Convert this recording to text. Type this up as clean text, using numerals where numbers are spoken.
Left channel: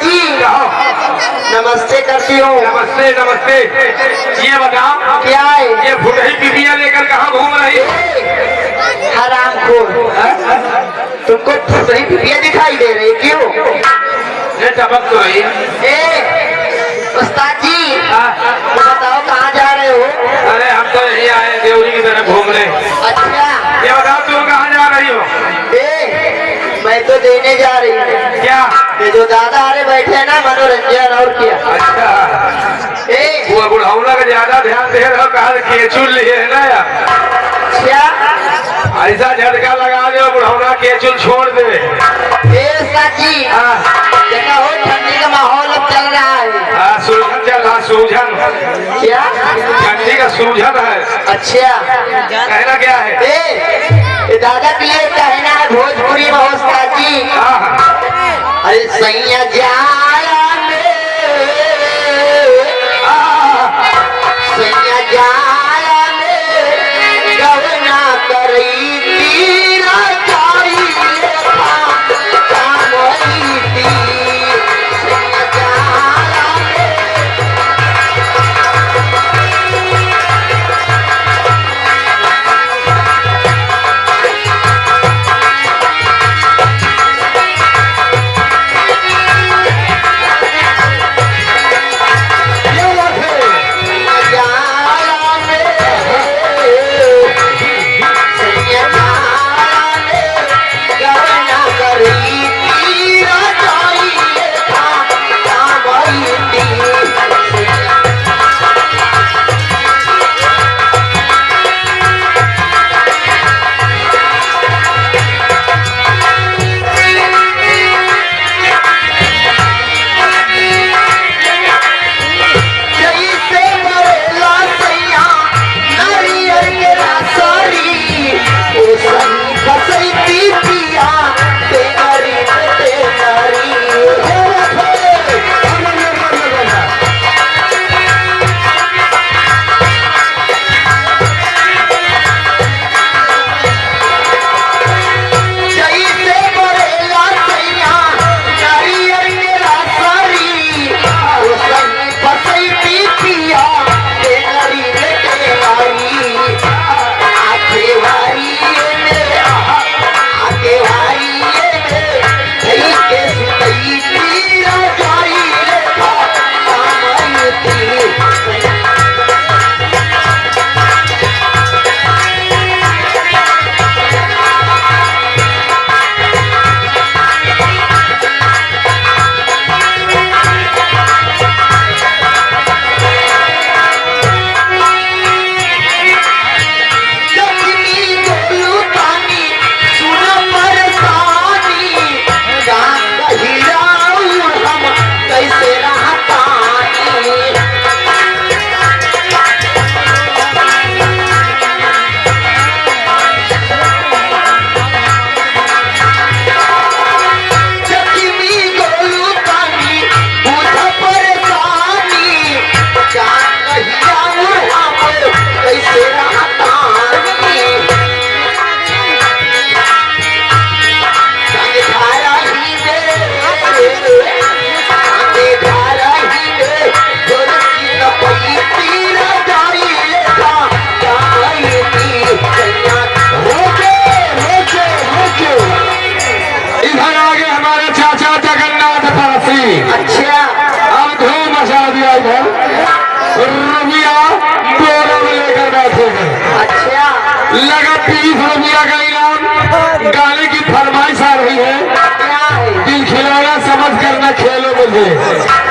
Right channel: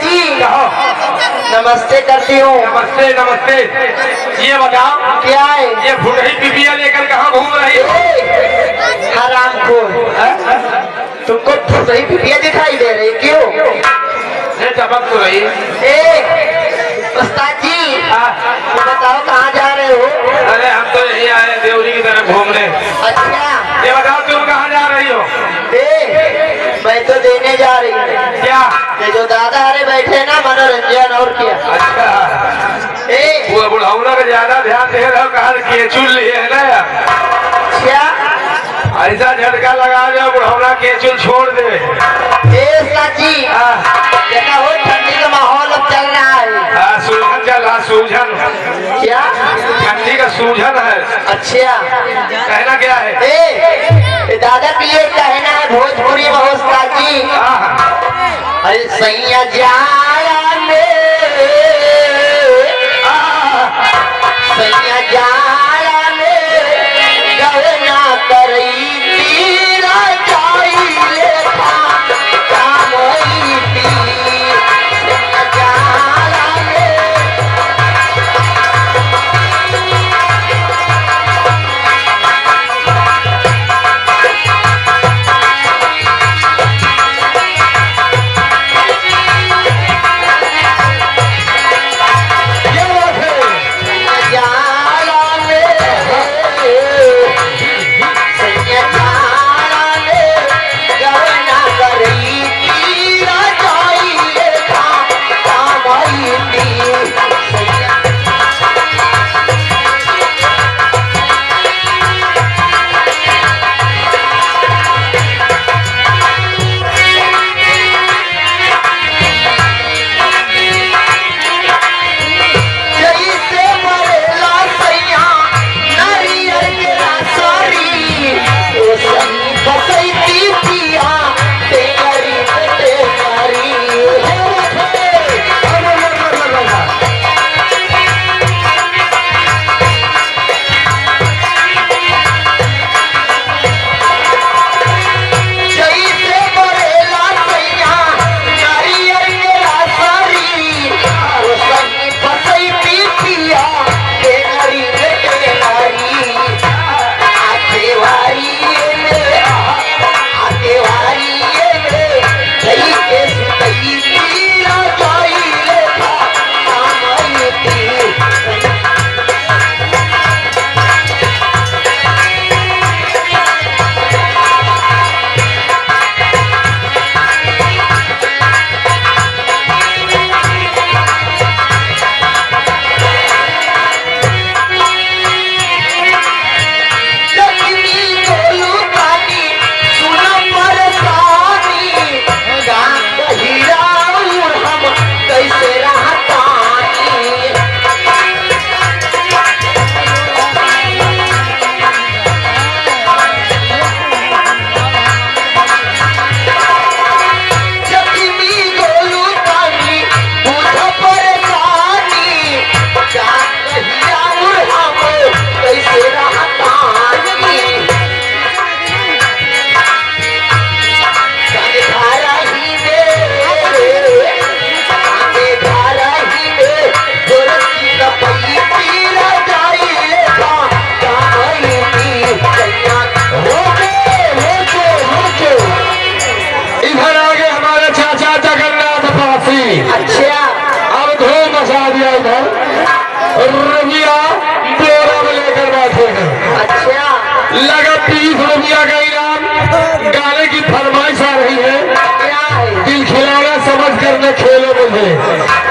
जी कहो। नमस्ते करती हूँ। नमस्ते नमस्ते। ये बताओ क्या है? ये फुटही पिपिया लेकर कहाँ घूम रही है? हरामखोर, तुमको फुटही पिपिया दिखाई दे रही क्यों? ये चमक तो रही है। उस्ताद जी तो बताओ कहाँ जा रहे हो? अरे हम तो यही आए देवरी की तरफ घूमने। अच्छा ये बताओ तुम कहाँ जा रही हो? मैं तो देने जा रही हूँ। क्या? ये जो दादा अरे बैठे हैं ना, मनोरंजन और क्या। अच्छा वो बुढ़ाऊला का ज्यादा ध्यान दे रहे हो, कहा केचुल लिए है ना यार। क्या ऐसा झटका लगा दो बुढ़ाऊला केचुल छोड़ दे। साची देखा हो, ठंडी का माहौल अब चल रहा है। सूझन चल रहा, सूझन। क्या? ठंडी का सूझन है। अच्छा कहना क्या है? ये दादा के लिए कहना है भोजपुरी में उस्ताद जी। अरे सैया जाला में, सैया जाला में गवना करई तीरा चाहिए था कामई थी। सैया जाला में रुपया बोरा में लेकर बैठे हैं। अच्छा लगा 30 रुपया का इनाम। गाने की फरमाइश आ रही है, क्या है? दिल खिलाना समझ कर न खेलो मुझे।